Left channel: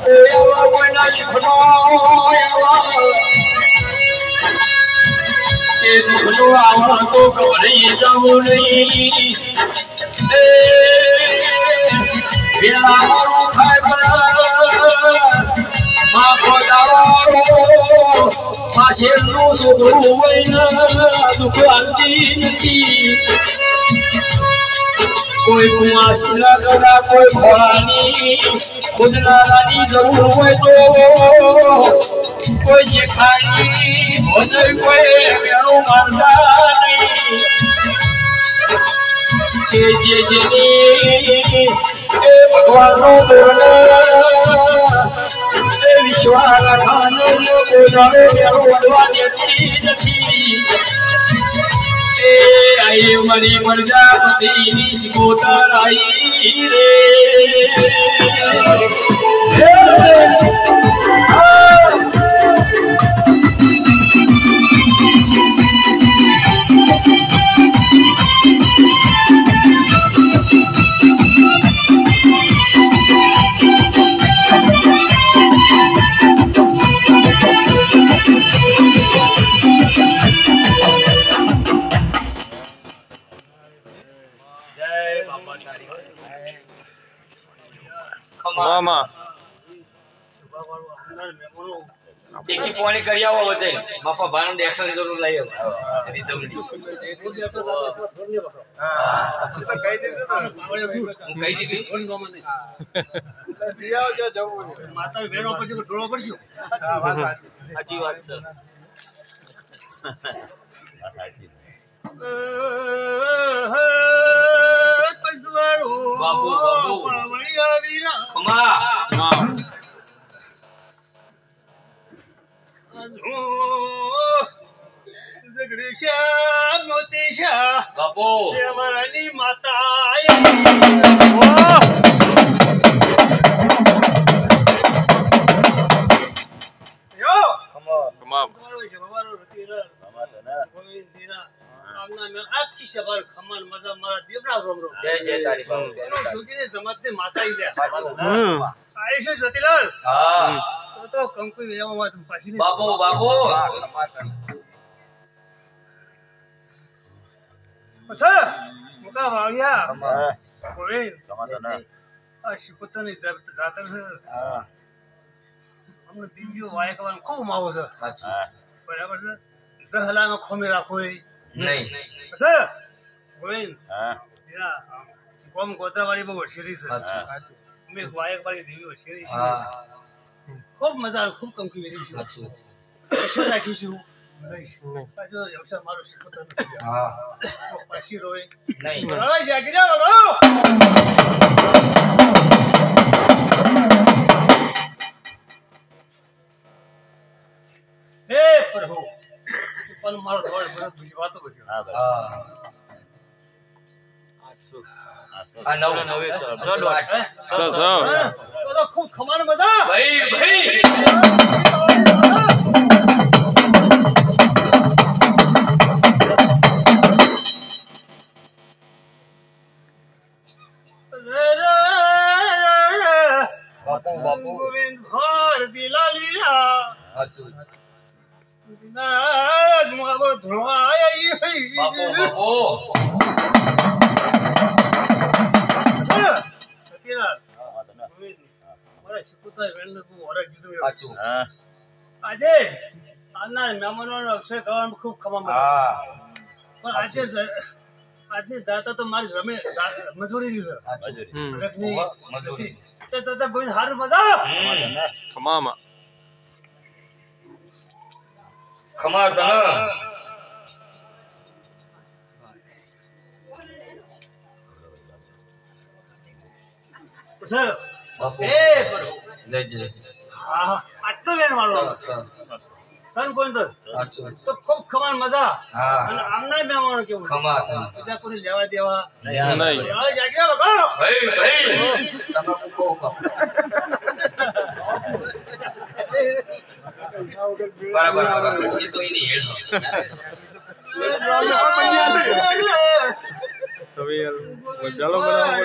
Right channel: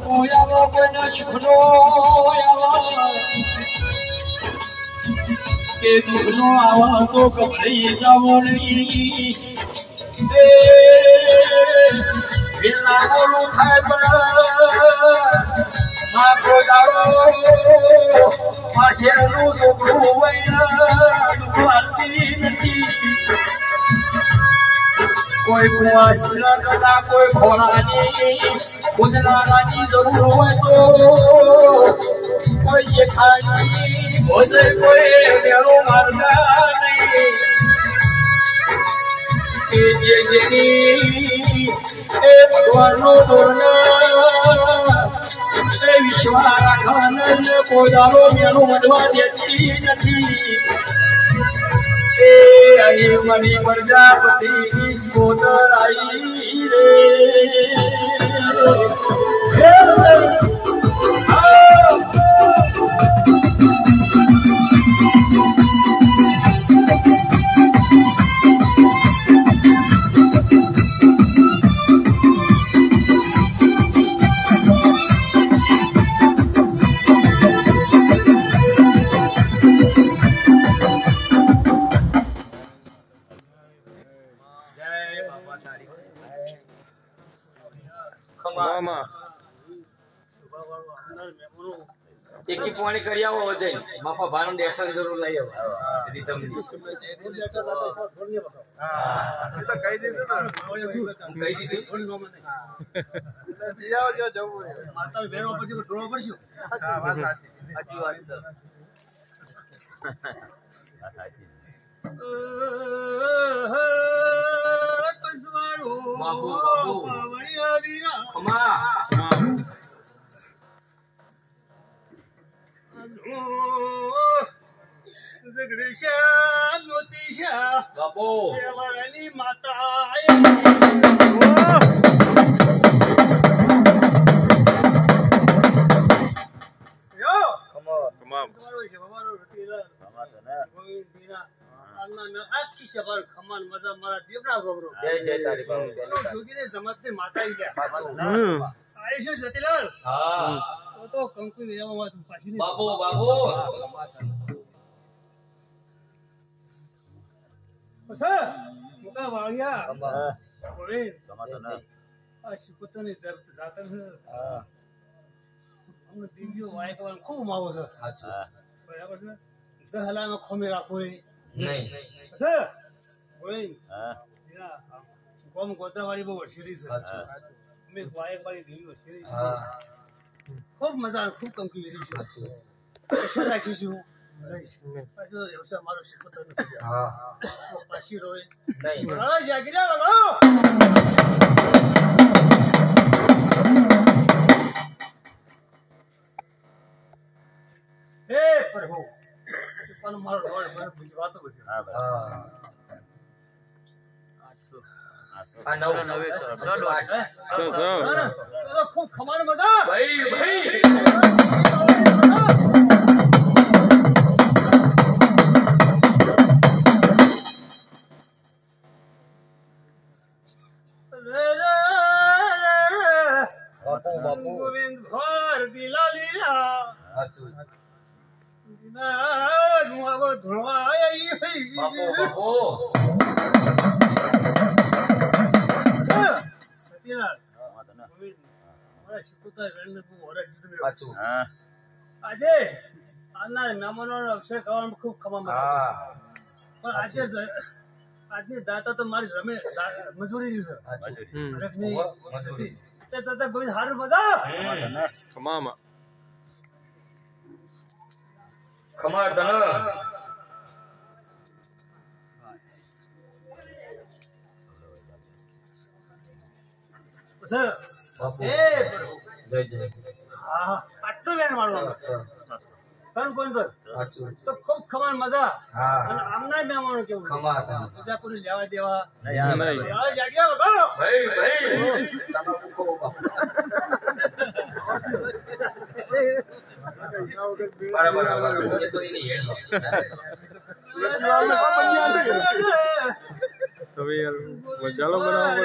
ઓયાવા કોઈના સુખનો આવા એ દુઃખનો આવા તો ગભરાઈ જાવો નહીં વેલા મોડું થાય પણ માખો દાડો આ શેરનું છોકરું હોય દુઃખ આવતી નથી કોઈ કુવાસી ના કરા કોઈ ખોળાની ખુદનારાની જરૂર હોય તો કોઈ જેખાણી ભોજય કોઈ મેળો મારતા નહીં એ જેની એ ભગવાનનો પૂર્ણ એ વિશ્વા રાખવાના પોતાનો મેળો વડવા દેતી નથી એ મરી પ્રજાપતિની શિકોતર આઈ રે મામા એકી પાણી કરી આવો વચન બાપા ભાનો એક્શન જરૂર લઈ આવો રીતમની હા તો કહી દીધું ને હું કહી દીધી દિયાઓ જો જવું માતા બેનો પછી ઢોળો પડશે હા વાત સાચી સાચી વાત છે બાપુ બાપુ ખમા બાપુ અમારાની માતા આખી સવાર ખમાન મજા મારા દેવડા રોમ રોમ જય જય તારી બાપુ જોગીને જમાતને માતા ઈ લે આઈ છે સતીલાલ હા તો કંકુ વેવામાં તું પાછી ને બાપુ બાપુ બસા મુકા વાળિયા ઓય આ શિકોતની જાતર છે અમને દિવ્યો વાય કવાનું ખૂબ માવો છે બરાબર છે જહલામાં ખોમી રાખો નહીં બસા ઓય હા કોમ ગોદાવાળી બહુ હોશિયારી છે અમે વાયક વાળી દેવી હોશિયારી છે ખૂબ મજા આવે ખૂબ કંકુ વેરી છે અક્ષર રાખીશું પાછો અવસર મારો શિકોતર હા પાછી રોય નહીં બસ જાગી જાઓ હે પ્રભુ પણ મારો ધોળ બરત બીજી વાતો બધી હા આ નવ નવે સો દોઢ તો ખૂબ ખમાન મજા ભાઈ ભાઈ બાપુ બાપુ ગોવિંદ ભર દિલાલ વીરા સાચું દિનાજ માવો ધોવાય ઈ બાપુ બાપુ સકીલાલ ગોવિંદ મારા શિકોતર વેલને તું ઓરખ દીધું સાચું આજે આના મહેમાનોનો અવસર કરવાનું ખૂબ ખમા મળે હા પણ આજે આજની જાતા તો મારી રમે મજૂરી છે સાચું મજૂરી તો કોઈ સારું મજા ખમામા ખમા તને બાપુ એ પ્રભુ જય જય હા આટલો વેણ વાળો સન કોઈ સાચું તો ખૂબ ખમાન મજા હા અને આમના મહેમાનો કેવું ખમા તને બીજા કોઈ લેવા દેવા નહીં જાગ્યા બગો ભાઈ ભાઈ તમાકુ ખો બાપુ બરાબર બરાબર એ તો એની હેડ તમે યાર મસાલો બનાવો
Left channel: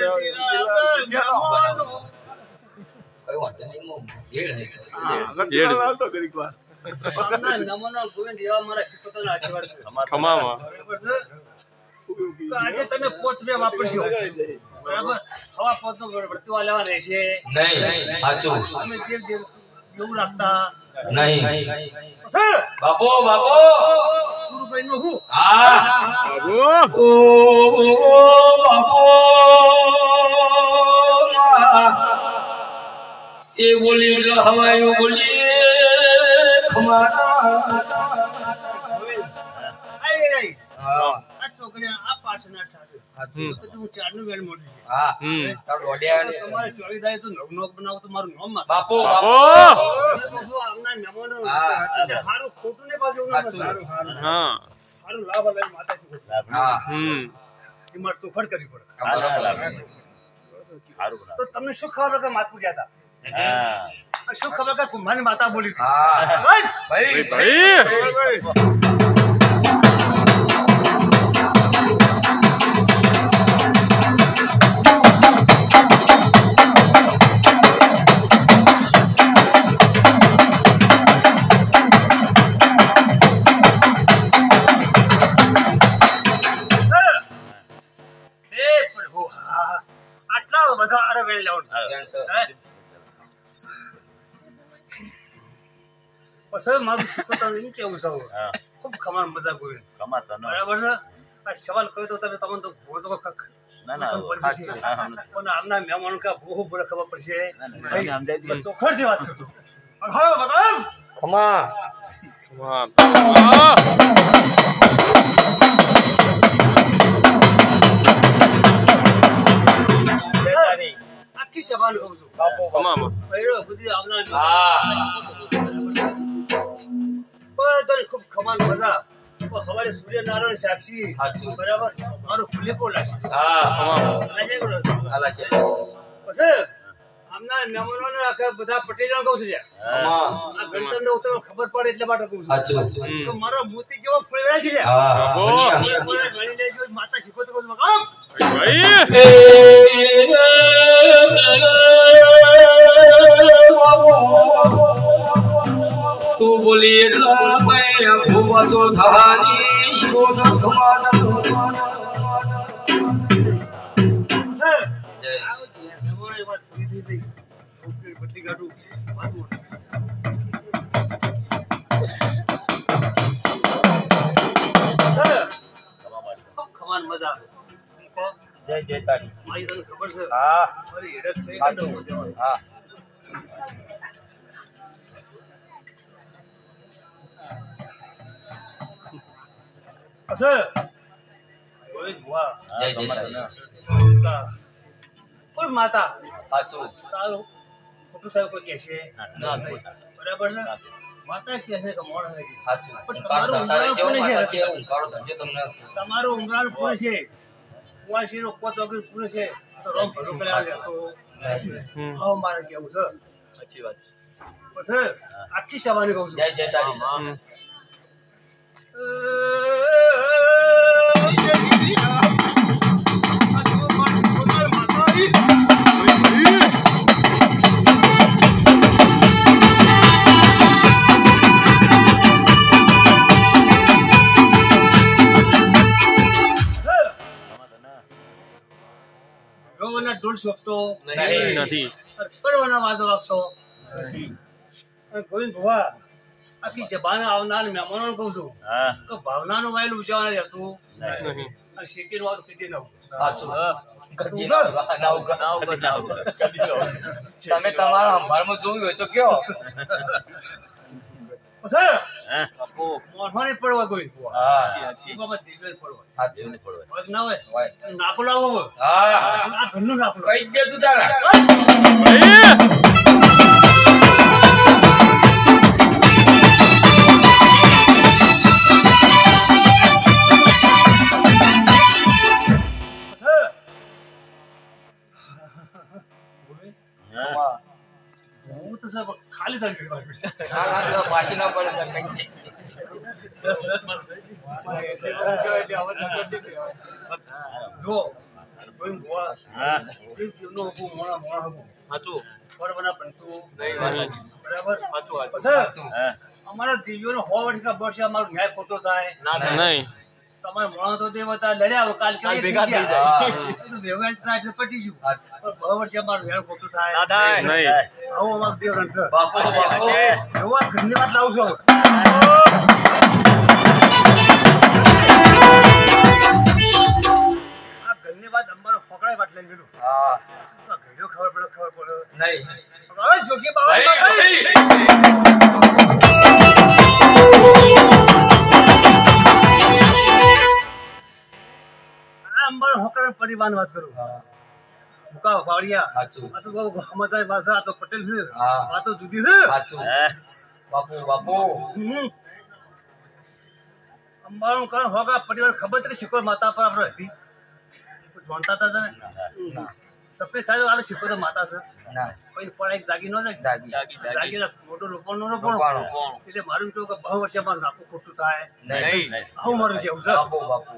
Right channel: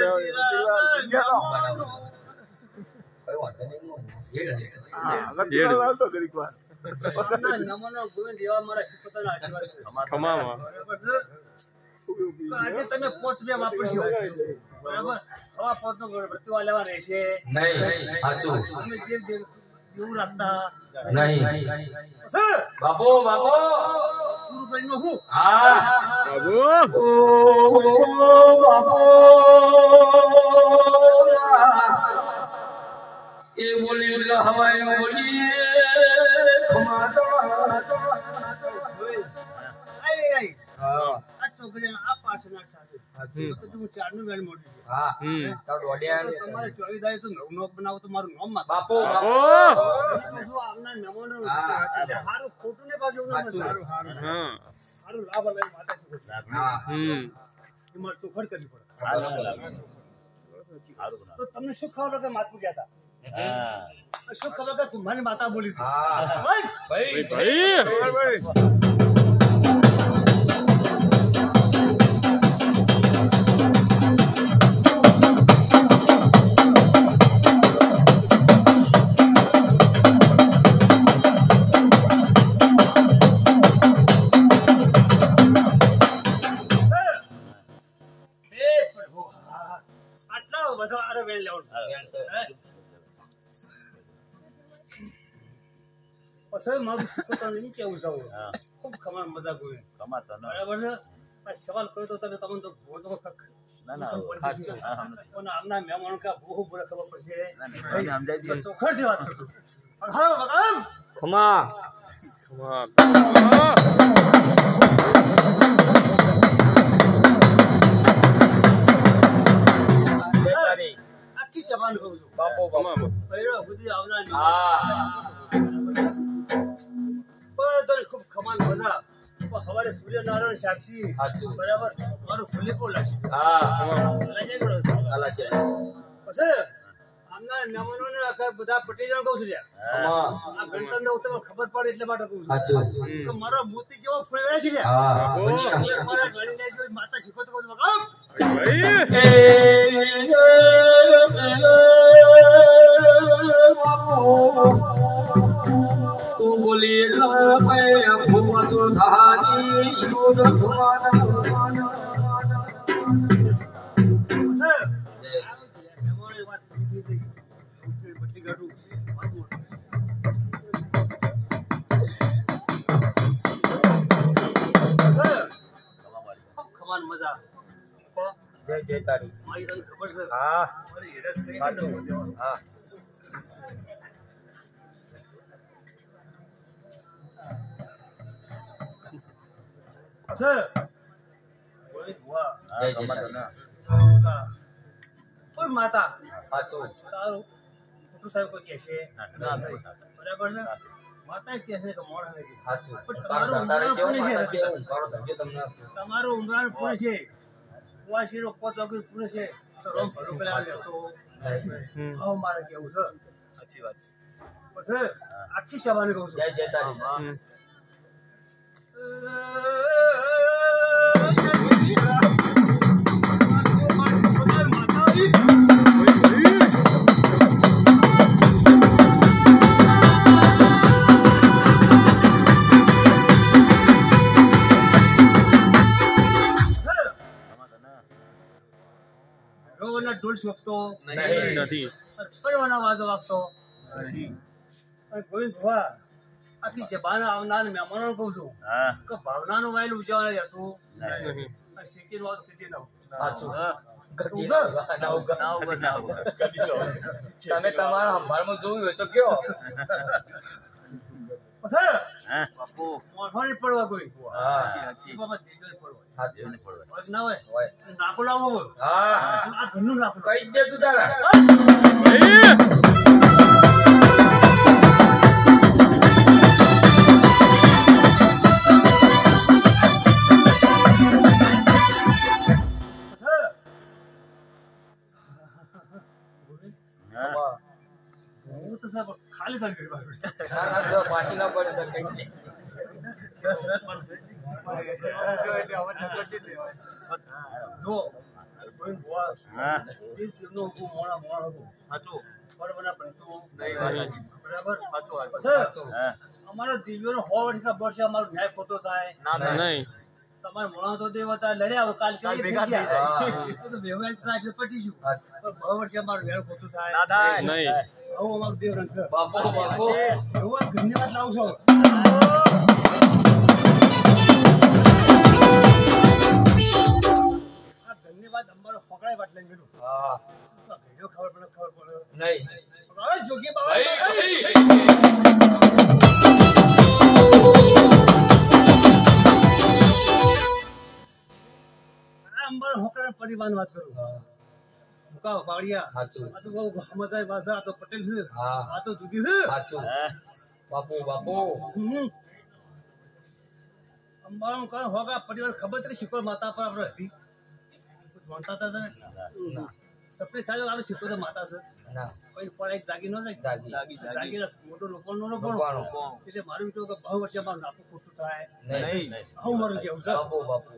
કઈ વાંધો નહીં આમના નમોનો ગોવિંદ એવા મારા શિકોતરના આશીર્વાદ છે. ખમામાં બરાબર છે? તો આજે તમે પોત બે વાપરશો બરાબર હવા પોત નું વર્તુઆ લેવા રહેશે નહીં સાચું અમે દેવું રાખતા નહીં સર બાપો પૂરું કરી નો હું હા બાબુ ઓ બાપો એ બોલી એટલે હવાયો બોલી ખમાતા આવી રહી હા આ છોકરી આ પાછના ઠાઠું સાચું તો તું ચારનું વેણ મોટી છે હા હમ તારું ઓડિયા તો તમારે 24 દાડે તો નવ બનાવો તો મારું નામ માં બાપો બાબો મને તો શું આમના મહેમાનો હા. હારું ખોટું ને પાછું ના સાચું. સારું હા હારું લાભ લઈને માતાજી હા હમ એ મારે ચોખડ કરવી પડે બરાબર. તો તમને શું ખબર કે માત પૂજ્યા હતા શું ખબર કે કુંભાની માતા બોલી હતી હા બોલ. ભાઈ ભાઈ સર, હે પ્રભુ હા આટલા બધા અરે વેણ લેવાનું છે. હે? પછી મારું શીખવતાનું એમ કેવું છે ખૂબ ખમાર મજા ગોવિંદ બરાબર છે આ સવાલ કર્યો તો તમે તમને તો ભોજો પણ આમના મહેમાનો કે બહુ બડે ખબર પડશે ચોખડથી વાત કરજો હા બતાવ ખમા વાહ આખી સભાને કહું છું બાપો ખમામાં પહેલો બુદ્ધિ આવનાર હા. બધાને ખૂબ ખમાન મજા પણ સવારે સૂર્યનારાયણ સાક્ષી સાચું. બરાબર મારું ફુલેકો લાગશે હા ખમામાં લાગે કરો હાલા છે પછી આમના મહેમાનોને આખા બધા પટેલોને કહું છું લ્યા. ખમા આ ગણતરને ઉતરવા ખબર પડે એટલે માટે કહું છું સાચું તો મારો મોતી જેવો ફૂલવેરા છે લ્યા. હા બાબો મારા ગણી લેજો માતા શીખો તો કહું છું બાપ. ભાઈ તું બોલી એટલા મેં ભૂવા સોધાની શોધ ખમાદન સર મહેમાનો એ વાત પૂરી થઈ ગઈ ઓકે બધી કાઢું વાત મોટી. સર ખૂબ ખમાન મજા જય જય તારી મારી તને ખબર છે હા મારી હેડત છે સાચું. એટલે દેવાનું. હા સર ગોવિંદ વાહ જય જય તારી કોઈ માતા સાચું તારું ખોટું થાય કોઈ કહેશે બરાબર છે માતા કહેશે કે મોણ હોય છે. સાચું પણ કાળો તમારું ધંધો ઉંમર કેવું કોને છે? માતા કેવું કાળો ધંધો તમને તમારું ઉમરાણ પૂરું છે કુંવાસીનો કોચ વગર પૂરું છે તો રમ ભલું કર્યા લેતો હમ હા મારે કેવું છે સાચી વાત પછી આખી સવારે કહું છું જય જય તારી હમ ઢોલ શોભતો નહીં. નથી કરવાના વાજો વાગતો ગોવિંદ ભુવા આખી સભાને આવનાર મહેમાનોને કહું છું કે ભાવનાનું વાયલું ઉજવવાનું હતું નહીં અને શેકીનું વાત કીધી ન હોય. સાચું કદી ના તમે તમારા સંભાળમાં જોયું હોય તો કયો પછી મોઢાની પડવા ગોવિંદ ભુવા હા એ બાબત દિલવેલ પડવા સાચું વાત ના હોય હોય. નાકો લાવો હોય. હા આ ઘરનું નાકો લાવો. કઈ દે તું તારા ભાઈ વાહ. હું તો સાહેબ ખાલી થઈ ગયું મારું. ના ના તો પાછી ના પડે તો કઈ દે. જો ગોવિંદ ભુવા એ જીવનો હતું, મોણા મોણા હતું. બરોબર બનતું નહીં. બરાબર સાચું, સાચું. પછી અમારા દિવ્યોનો 100 વર્ષના વર્ષે અમારો ન્યાય ખોટો થાય નહીં. તમારે મોણો તો તે હતા લડ્યા હવે કાલ કેવી ભેગા થઈ ગયા જાય. એ તો વ્યવહાર થાય એટલે પટી ગયું અચ્છા. પણ 100 વર્ષે અમારું ન્યાય ખોટું થાય નહીં. આવું અમારું દેવ રણછોડ બાપુ બાપુ એવો આ ઘરની વાત લાવું છું આ ઘરની વાત અમારો ફકડાય વાત લઈને ગયેલું હા આ ઘડીઓ ખબર પડે નહીં હવે જોગી બાબા ભાઈ આ અંબાનો હોકર પરિવારની વાત કરું મુકા વાડિયા સાચું આ તો બહુ સમજાય ભાષા આ તો પટેલ છે હા. વાતો જુદી છે સાચું બાપુ બાપુ હમ. અંબાનું કઈ હોગા પરિવાર ખબર છે કે શિકોર માતા પર આપણે હતી કોઈ જાણતા હતા ને ના સફેદ થાય તો આપણે શિકોર તો માતા છે ના પછી પણ એક જાગી ન જાય જાગી જાગી મોટું રોપણ રોપાણું. એટલે મારું કેવું કે બહુ વર્ષે મારું નાખું ખોટું થાય નહીં આવું મારું કેવું છે બાપુ બાપુ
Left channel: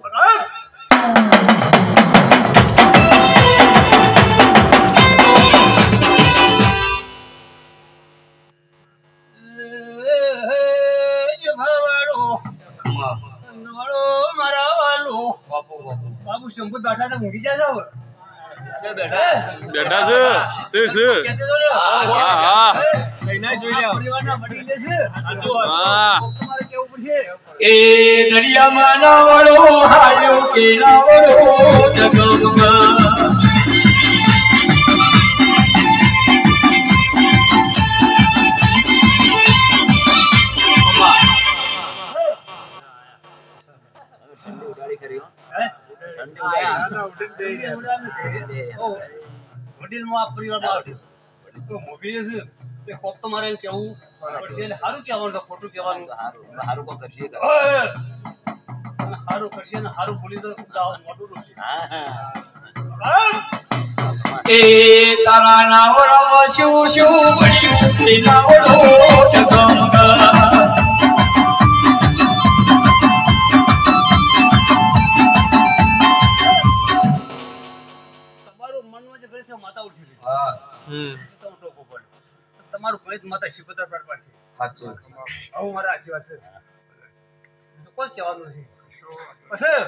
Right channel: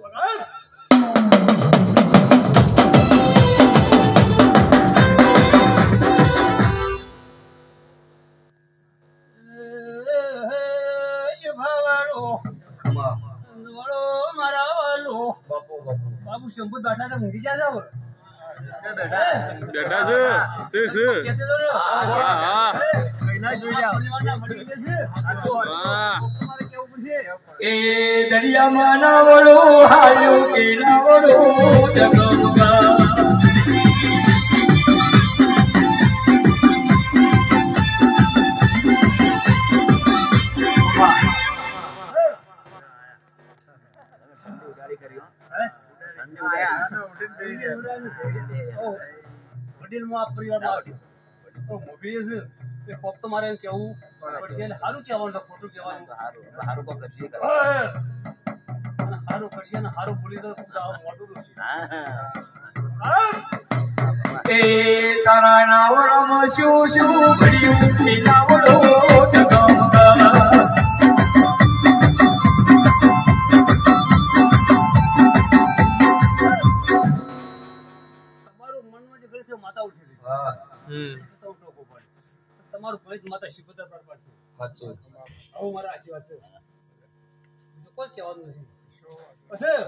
ખમા બાપુ બાપુ બાબુ શંભુ બેઠા તો ઊંઘી જાય છે બેઠા છે. શું, શું? કહેતો હતો ને, હા, હા. આ પરિવારના વડીલે છે હા. તમારે કેવું પડશે એ દરિયામાં નાવડો હાલ્યું કે નાવડો જગમગા વડીલમાં આ પરિવારમાં આવશે તો મોભી છે તે કોક તો મારે એમ કહેવું પડશે એટલે સારું કહેવાનું છે ખોટું કહેવાનું સારું કરશે ને સારું બોલી તો મોટું છે એ તારા નાવડામાં શું શું મળ્યું કે નાવડો જગમગા તમારું મનમાં જે ગણિત છે માતા ઉઠી રહી હા તો ટોકો પડે તમારું ગણિત માતા શીખોતર પર પડશે સાચું આવું મારા આશીર્વાદ છે તો કોઈ કહેવાનું નથી પછી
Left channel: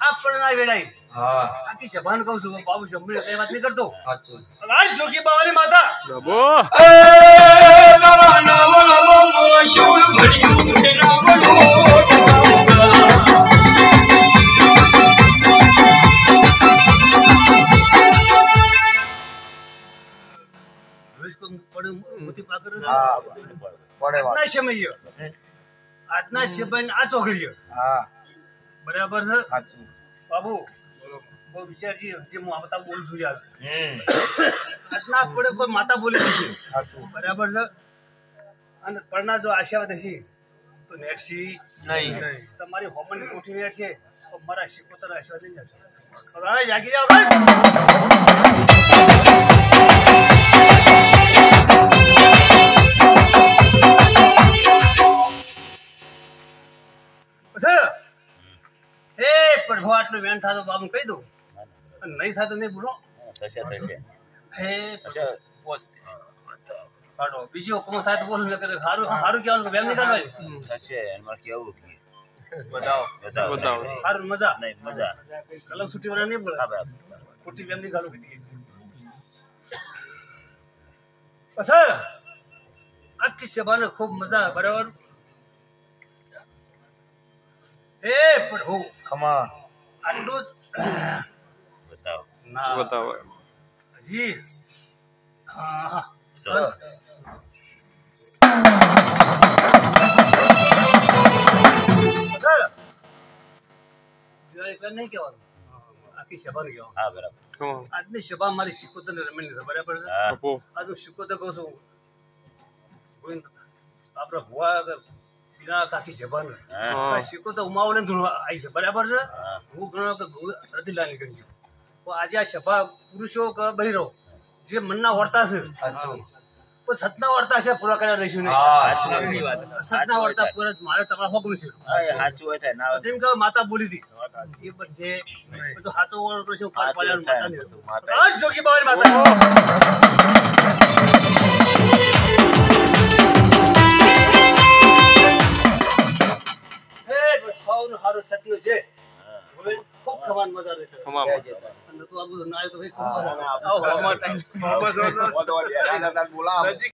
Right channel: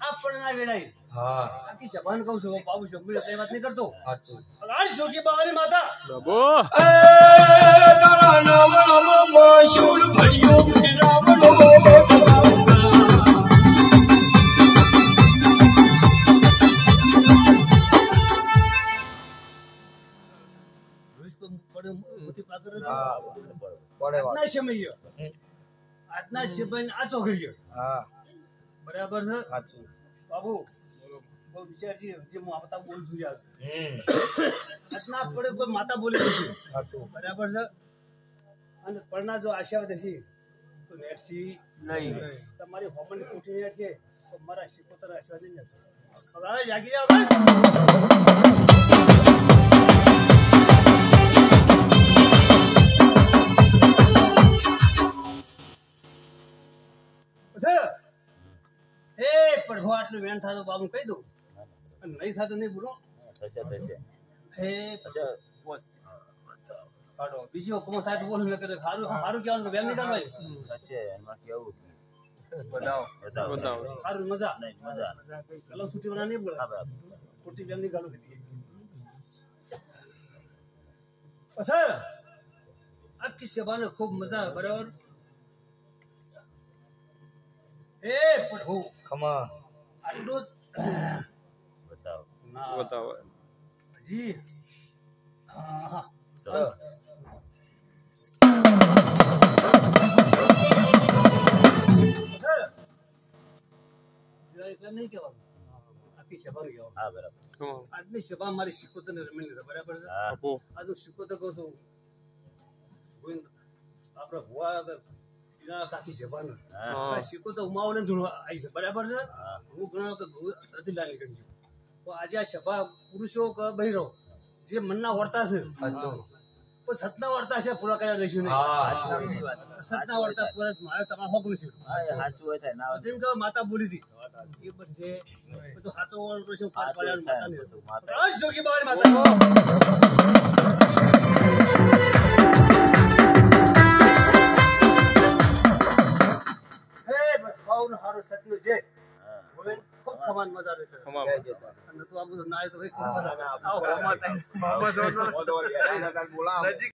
આ પરણા વેડાઈ હા આખી જબાન કહું છું બાબુ જંભી કઈ વાત નહીં કરતો સાચું આજ જોગી બાવાની માતા બાબો. એ તારા નાવડામાં શું મળ્યું કે નાવડો રોજ કોઈ પડે મોતી પાકર હા પડે આજના સમય આજના સમય આ ચોઘડીએ હા બરાબર છે સાચું બાબુ બહુ વિચારજી જે હું આ બધા બોલું છું યાર આજના પડે કોઈ માતા બોલી નથી સાચું બરાબર છે અને પડના જો આશીર્વાદ હશે તો નેટસી નહીં તમારી હોમન ઉઠી રહ્યા છે તો મારા શિકોતર આશીર્વાદ નહીં જશે હવે જાગી જાઓ ભાઈ. પછી એ પ્રભુ આટલું વેણ થાતો બાબુ કહી દઉં અને નહીં થાતો નહીં બોલો હે પાડો બીજી હુકમ થાય તો બોલું ન કરે સારું સારું કહેવાનું કે બેમ નહીં કરવાની બતાવો. સારું મજા કલમ છૂટી વાળા નહીં બોલે ખોટી બેમ નહીં ગાલું પછી આખી સભાને ખૂબ મજા બરાબર હે પ્રભુ ખમા આટલું ના બતાવો. જી હા સર નહીં કહેવાનું આખી સભાને કહેવાનું હા. આજની સભા મારી શિકોતર ને રમણી છે બરાબર છે બાપુ. આજનું શિકોતર કહું છું ગોવિંદ આપડે ભુવા પીરા આખી સભા ને હા. શિકોતર ઉમાવલે ધૂણો આવી છે બરાબર છે હું ગણો કે રતિલાલ નીકળી ગયો પણ આજે આ સભા પુરુષો કે બહેરો જે મનના વર્તા છે સાચું પણ સતના વર્તા છે પૂરા કર્યા રહીશું નહીં હા સતના વર્તા પૂરા મારે તમારે હોકનું છે જેમ કે માતા બોલી હતી એ પર છે પછી સાચો વર્તો છે ઉપર પડ્યા માતા જોગી બાવાની માતા સત્યો છે ગોવિંદ ખૂબ ખમાન મજા રહેતા ખમા જય જય. અને તું આ બધું ના આવ્યો તો ભાઈ ખૂબ મજા આવે. બોલાવો. નજીક